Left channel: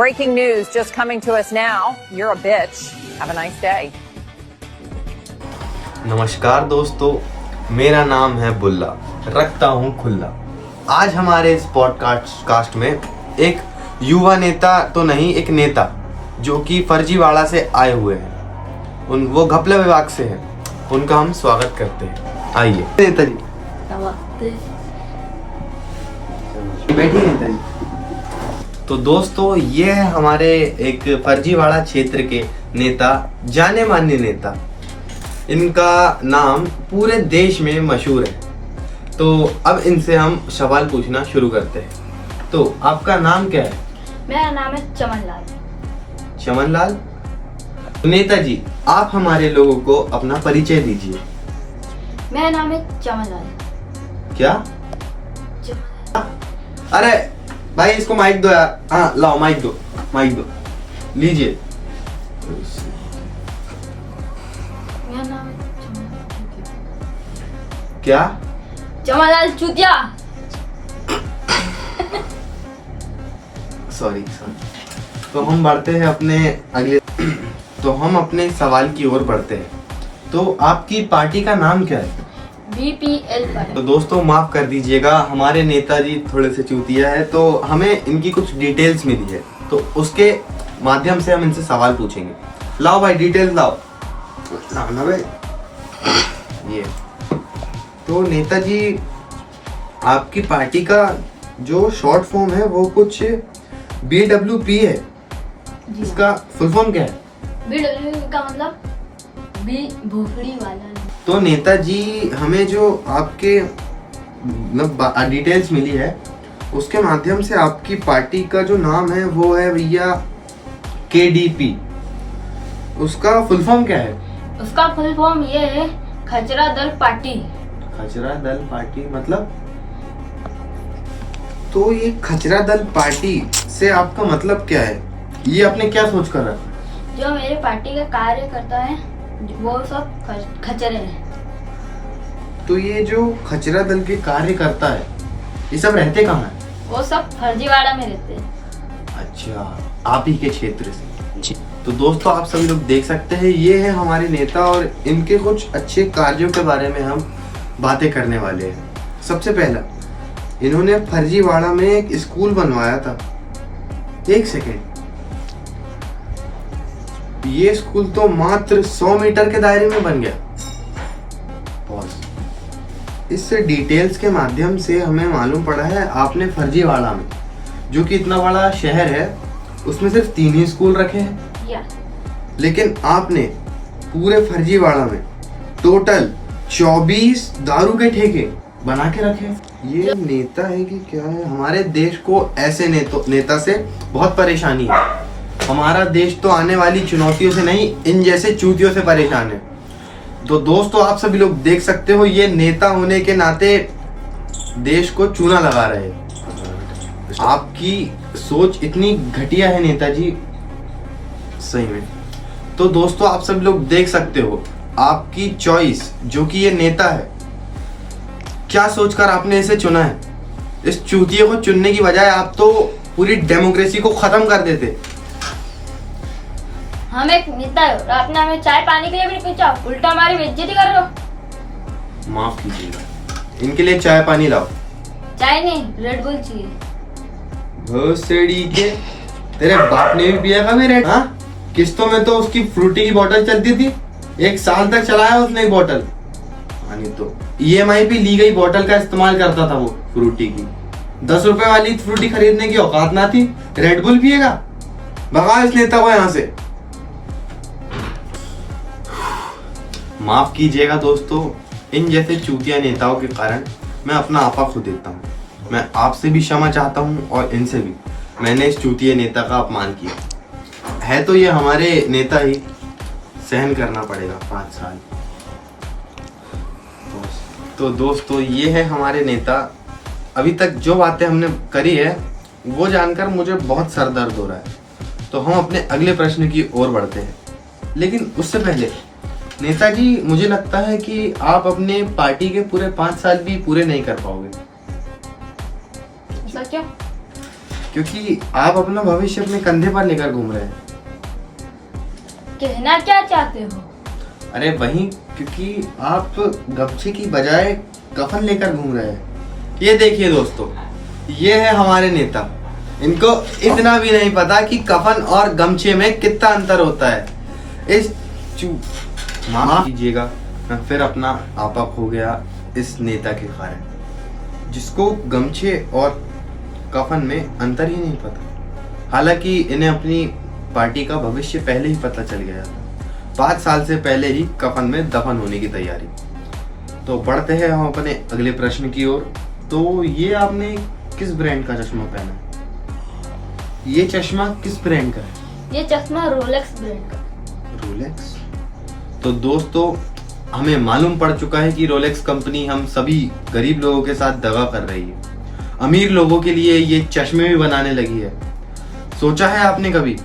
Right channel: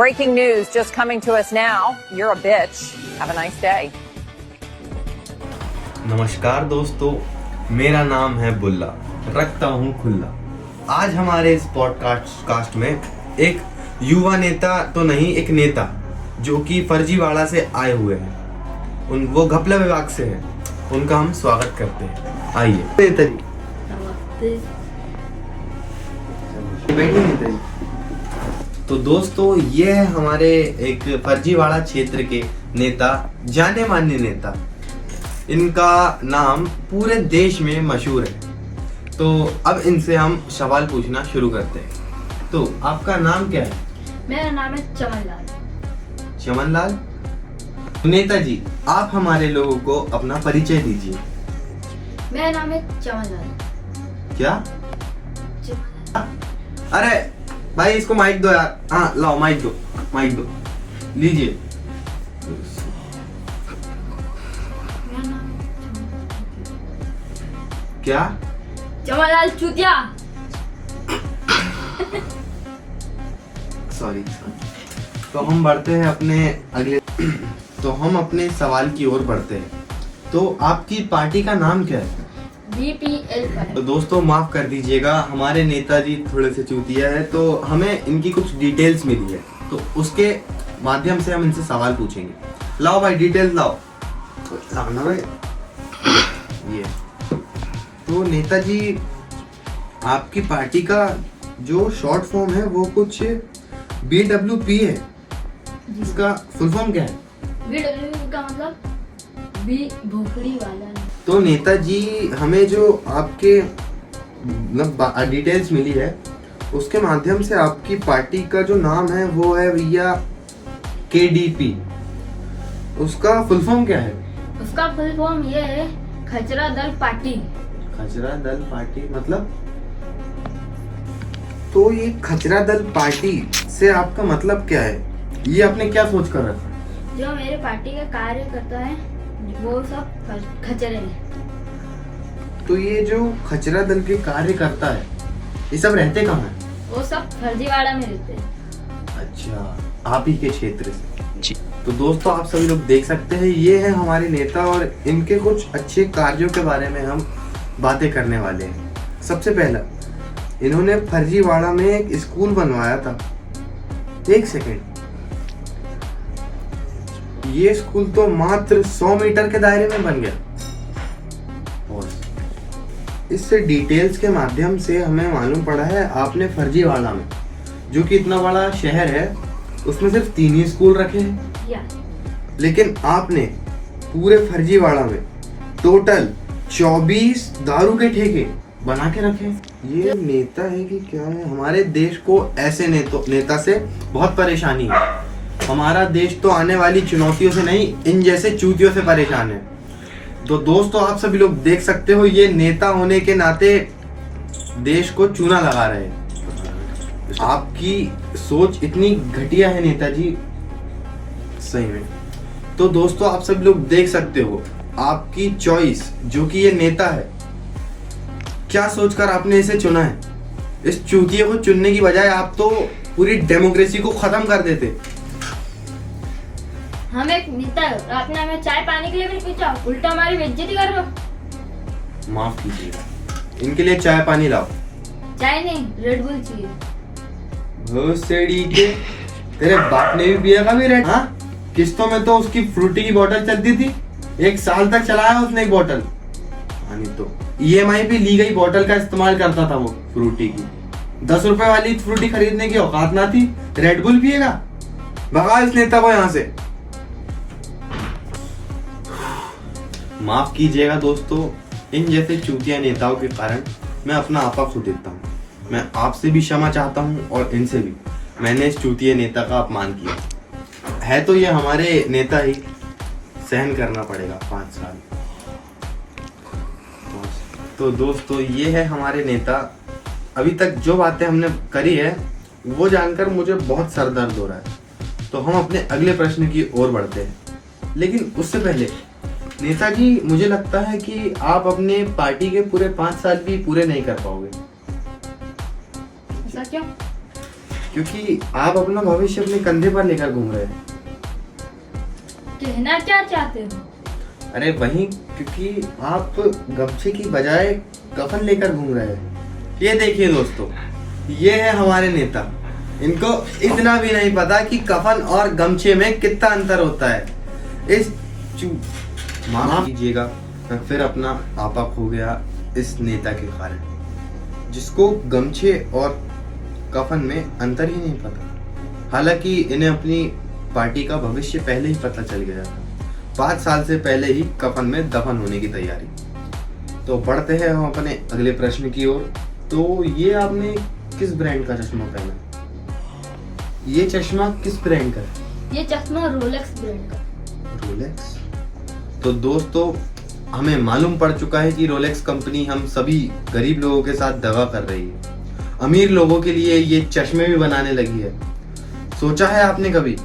Breaking news just coming to us now. You're a bitch. Have a nice day. नमस्कार दोस्तों, मेरा नाम है बुल्ला, रखता हूँ खुल्ला। आज हमारे इस पॉडकास्ट में एक युवा नेता तो नहीं, एक नेता जो कि फर्जीवाड़ा से आए हुए हैं, वो घपला विभाग से हैं, उनका हम स्वागत करते हैं। आइए नेता जी, बैठिए नेता जी। तो दोस्तों, ये है हमारे एक फर्जीवाड़ा क्षेत्र के नेता, जाने माने नेता। इनका नाम पूरे देश में मशहूर है। तो अब इनसे हम सवाल पूछना शुरू करते हैं। तो आपका नाम क्या है? मेरा नाम है चमन लाल। चमन लाल। नेताजी, आप हमारे लोगों को अपना परिचय दीजिए। मेरा नाम है चमन लाल। क्या? अरे भाई, इसको माइक दो यार। हाँ लाओ, माइक दो लीजिए। मेरा नाम क्या? चमन लाल चूतिया। सॉरी। तो हम बढ़ते हैं अपने सवाल की ओर बढ़ते हैं। तो आपकी पार्टी का नाम क्या है? BPL पर। तो दोस्तों, माफ कर दीजिएगा, हमारे नेताजी थोड़े से चूतिया है, तो हमें इनकी कुछ डिटेल्स मिली है, तो उसके माध्यम से हम इनसे सवाल पूछेंगे। लाओ भाई, डिटेल्स लाओ ना भाई। ये तो नेताजी, आपकी पार्टी का जो शॉर्ट फॉर्म है वो कुछ BWP है। इसका फुल फॉर्म क्या है? BWP का मतलब बी भोपड़ी वाला। तो नेताजी, हमें जो आपके मतलब डिटेल्स मिली है, उसके माध्यम से आपकी पार्टी का जो नाम है वो है भैया KDP। उसका फुल फॉर्म क्या है? उसका फुल फॉर्म ये है, खचरा दल पार्टी। खचरा दल पार्टी मतलब? तो ये खचरा दल पार्टी से आपका मतलब क्या है? ये आपने क्या सोच कर रखा है? जो मेरे पार्टी का कार्य करता है वो सब खचरे हैं। तो ये जो खचरा दल के कार्य करता है, ये सब रहते कहाँ है? वो सब फर्जीवाड़ा में रहते हैं। अच्छा, आप ही के क्षेत्र से। तो दोस्तों, आप सभी लोग देख सकते हैं, ये है हमारे नेता और इनके कुछ अच्छे कार्यों के बारे में हम बातें करने वाले हैं। सबसे पहला, इन्होंने फर्जीवाड़ा में एक स्कूल बनवाया था। एक सेकेंड, ये स्कूल तो मात्र 100 मीटर के दायरे में बन गया। इस डिटेल्स के माध्यम से हमें मालूम पड़ा है, आपने फर्जीवाड़ा में, जो कि इतना बड़ा शहर है, उसमें सिर्फ 3 ही स्कूल रखे हैं, लेकिन आपने पूरे फर्जीवाड़ा में टोटल 24 दारू के ठेके बना के रखे। ये नेता है कि क्या है? हमारे देश को ऐसे नेता से बहुत परेशानी है। हमारा देश तो आने वाली चुनौतियों से नहीं, इन जैसे चूतियों से परेशान है। तो दोस्तों, आप सभी लोग देख सकते हो, ये नेता होने के नाते देश को चूना लगा रहे हैं। आपकी सोच इतनी घटिया है नेताजी, सही में। तो दोस्तों, आप सभी लोग देख सकते हो, आपकी चॉइस, जो कि ये नेता है, क्या सोचकर आपने इसे चुना है। इस चूतिये को चुनने की बजाय आप तो पूरी डेमोक्रेसी को खत्म कर देते। हम एक नेता है, रात में हमें चाय पानी के लिए भी नहीं पूछा, उल्टा हमारी बेइज्जती कर रहे हो। माफ कीजिएगा, इनके लिए चाय पानी लाओ। चाय नहीं, रेड बुल चाहिए। भोसड़ी के, तेरे बाप ने भी पिया था मेरे? हाँ, किस्तों में तो उसकी फ्रूटी की बोतल चलती थी, 1 साल तक चलाया उसने एक बोतल। तो EMI पे ली गई बोतल का इस्तेमाल करता था वो फ्रूटी की। 10 रुपए वाली फ्रूटी खरीदने की औकात ना थी, रेड बुल पिएगा। भगा इस नेता को यहाँ से। माफ कीजिएगा दोस्तों, इन जैसे चूतिया नेताओं के कारण मैं अपना आपा खो देता हूँ। मैं आपसे भी क्षमा चाहता हूँ और इनसे भी। मैंने इस चूतिया नेता का अपमान किया है, तो ये हमारे नेता ही, सहन करना पड़ेगा 5 साल। तो दोस्तों, ये है हमारे नेता। अभी तक जो बातें हमने करी है वो जानकर मुझे बहुत सर दर्द हो रहा है। तो हम अपने अगले प्रश्न की ओर बढ़ते हैं, लेकिन उससे पहले नेताजी, मुझे लगता है कि आप अपने पार्टी के पूरे 5 साल भी पूरे नहीं कर पाओगे। ऐसा क्या? क्योंकि आप अपना भविष्य अपने कंधे पर लेकर घूम रहे हैं। कहना क्या चाहते हो? अरे वही, क्योंकि आप गमछे की बजाय कफन लेकर घूम रहे हैं। ये देखिए दोस्तों, ये है हमारे नेता। इनको इतना भी नहीं पता कि कफन और गमछे में कितना अंतर होता है। माफ कीजिएगा, मैं फिर अपना आपा खो गया इस नेता के कारण, जिसको गमछे और कफन में अंतर ही नहीं पता। हालांकि इन्हें अपनी पार्टी का भविष्य पहले ही पता चल गया था। 5 साल से पहले ही कफन में दफन होने की तैयारी। तो बढ़ते हैं हम अपने अगले प्रश्न की ओर। तो ये आपने किस ब्रांड का चश्मा पहना? ये चश्मा किस ब्रांड का है? ये चश्मा रोलेक्स ब्रांड का। रोलेक्स? तो दोस्तों, हमें मालूम पड़ चुका है कि रोलेक्स कंपनी हम सभी गरीब लोगों के साथ दगा कर रही है। अमीर लोगों के लिए ये चश्मे भी बनाने लगी है। सोचा है आपने कभी?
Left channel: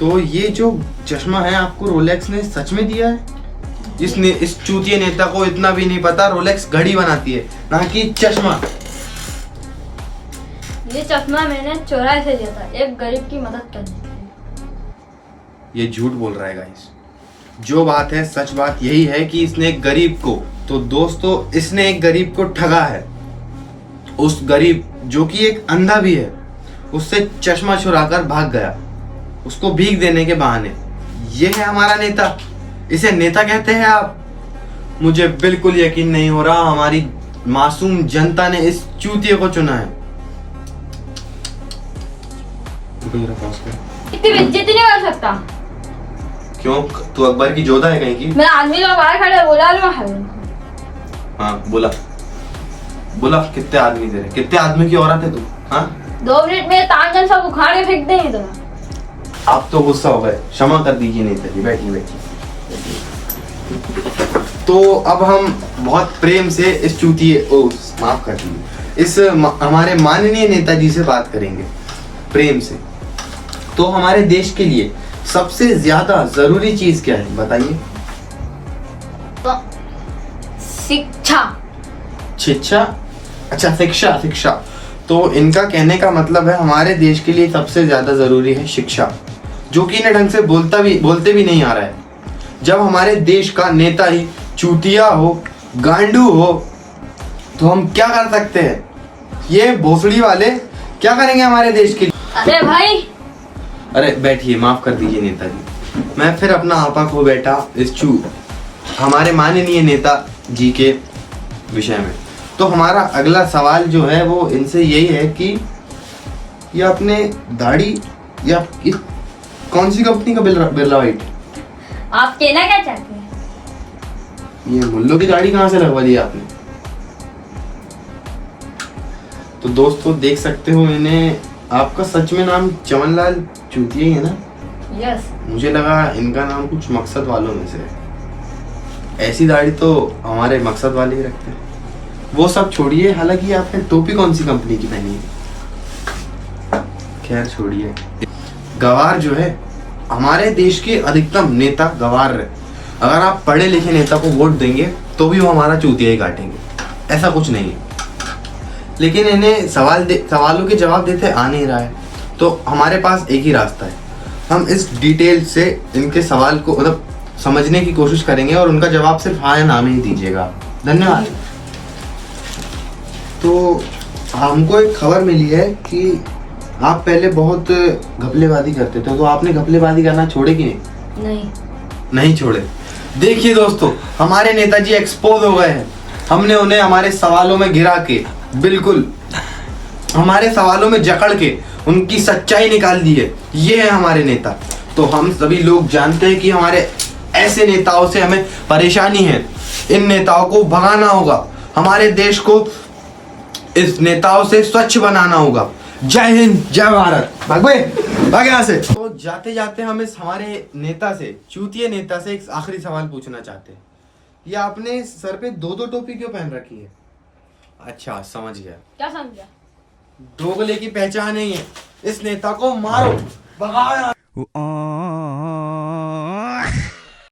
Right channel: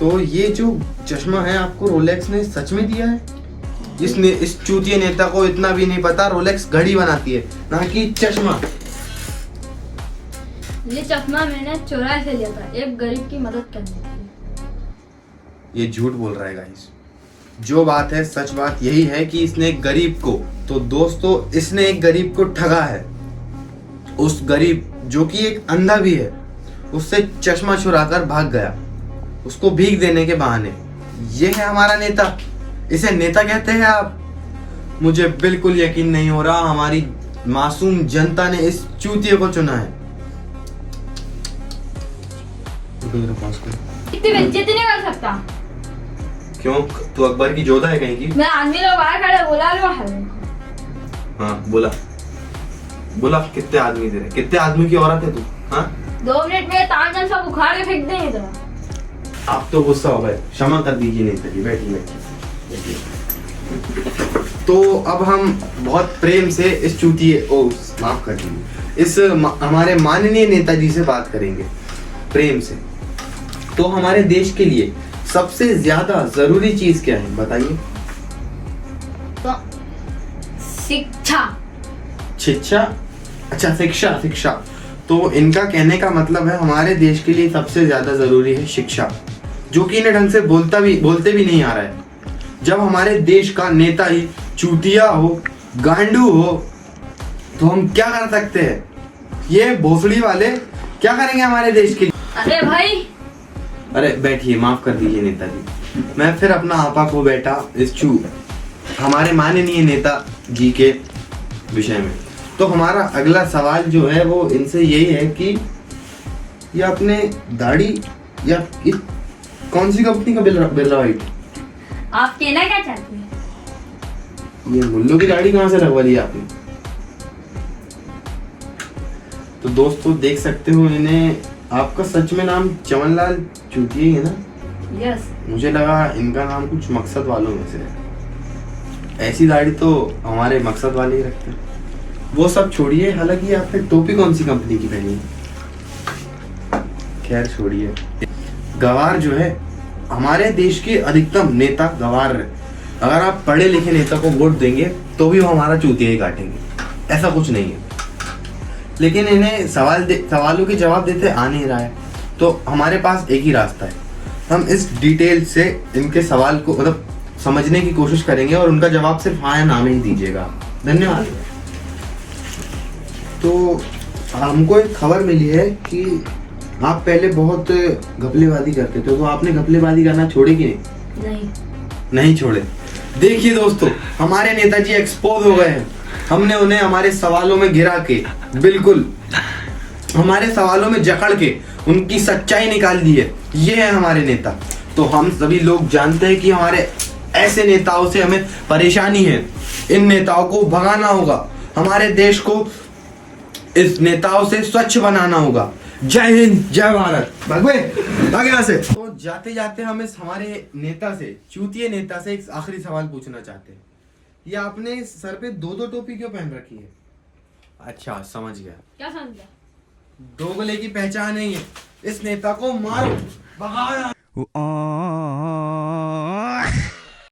तो ये जो चश्मा है आपको रोलेक्स ने सच में दिया है? इस चूतिए नेता को इतना भी नहीं पता रोलेक्स घड़ी बनाती है, ना कि चश्मा। ये चश्मा मैंने चौराहे से लिया था, एक गरीब की मदद करने के लिए। ये झूठ बोल रहा है गाइस। जो बात है, सच बात यही है कि इसने एक गरीब को, तो दोस्तों इसने एक गरीब को ठगा है। उस गरीब जो कि एक अंधा भी है, उससे चश्मा चुराकर भाग गया, उसको भीख देने के बहाने। ये है हमारा नेता। इसे नेता कहते हैं आप? मुझे बिल्कुल यकीन नहीं हो रहा हमारी मासूम जनता ने इस चूतिए को चुना है। इतनी बेइज्जती नहीं कर सकता। क्यों? तू अकबर की जोधा है कहीं की? मैं आदमी लोग बाहर खड़े बोला लो। हाँ बोला बोला। कितने आदमी तेरे? कितने आदमी की औरत है तू? हाँ 2 मिनट में तांगन सब उखाड़ के फेंक देंगे तो। आप तो गुस्सा हो गए, क्षमा कर दीजिए नेताजी। बैठिए। तो अब हम बहुत प्रेम से इस चूतिए माफ कर दीजिए, इस हमारे माननीय नेताजी से बात करेंगे प्रेम से। तो हमारे देश के लिए सबसे ज्यादा जरूरी चीज क्या है बताइए? शिक्षा। अच्छा, शिक्षा। तो इनका कहने का मतलब है हमारे देश के लिए सबसे ज्यादा जरूरी है शिक्षा, जो कि इन्हें ढंग से बोलते भी नहीं आ रहा है। जब हमारे देश का नेता ही चूतिया हो, गांडू हो, तो हम क्या कर सकते हैं? ये भोसड़ी वाले क्या करेंगे हमारे देश के लिए? अरे भाई, अरे बैठिए, माफ कर दीजिए नेताजी। मैं फिर अपना आपा को बैठा इस हमारे माननीय नेता जी के विषय में। तो हमारा अगला सवाल जो है वो इनसे यही है कि ये अपने दाढ़ी या कौन सी कंपनी का बिरला व्हाइट? आप कहना क्या चाहते हैं? ये मुल्लों की दाढ़ी कहाँ से लगवा दी आपने? तो दोस्तों देख सकते हो इन्हें, आपका सच में नाम चमनलाल चूतिया है ना? यस। मुझे लगा इनका नाम कुछ मकसद वालों में से है। ऐसी दाढ़ी तो हमारे मकसद वाले ही रखते हैं। वो सब छोड़िए, हालांकि आपने टोपी कौन सी कंपनी की पहनी है? खैर छोड़िए। गवार जो है, हमारे देश के अधिकतम नेता गवार है। अगर आप पढ़े लिखे नेता को वोट देंगे तो भी वो हमारा चूतिया ही काटेंगे, ऐसा कुछ नहीं है। लेकिन इन्हें सवालों के जवाब देते आ नहीं रहा है। तो हमारे पास एक ही रास्ता है, हम इस डिटेल से इनके सवाल को मतलब समझने की कोशिश करेंगे और उनका जवाब सिर्फ हाँ या ना में ही दीजिएगा। धन्यवाद। तो हमको एक खबर मिली है कि आप पहले बहुत घपलेबाजी करते थे, तो आपने घपलेबाजी करना छोड़े कि नहीं छोड़े। देखिए दोस्तों, हमारे नेताजी एक्सपोज हो गए हैं। हमने उन्हें हमारे सवालों में गिरा के, बिल्कुल हमारे सवालों में जकड़ के उनकी सच्चाई निकाल दी है। ये है हमारे नेता। तो हम सभी लोग जानते हैं कि हमारे ऐसे नेताओं से हमें परेशानी है। इन नेताओं को भगाना होगा, हमारे देश को इस नेताओं से स्वच्छ बनाना होगा। जय हिंद, जय भारत। भाग यहाँ से। तो जाते जाते हम इस हमारे नेता से, चूतिए नेता से एक आखिरी सवाल पूछना चाहते हैं। ये आपने सर पे 2-2 टोपी क्यों पहन रखी है? अच्छा समझ गया। क्या समझा? दोगले की पहचान नहीं है। इस नेता को मारो, भगाओ।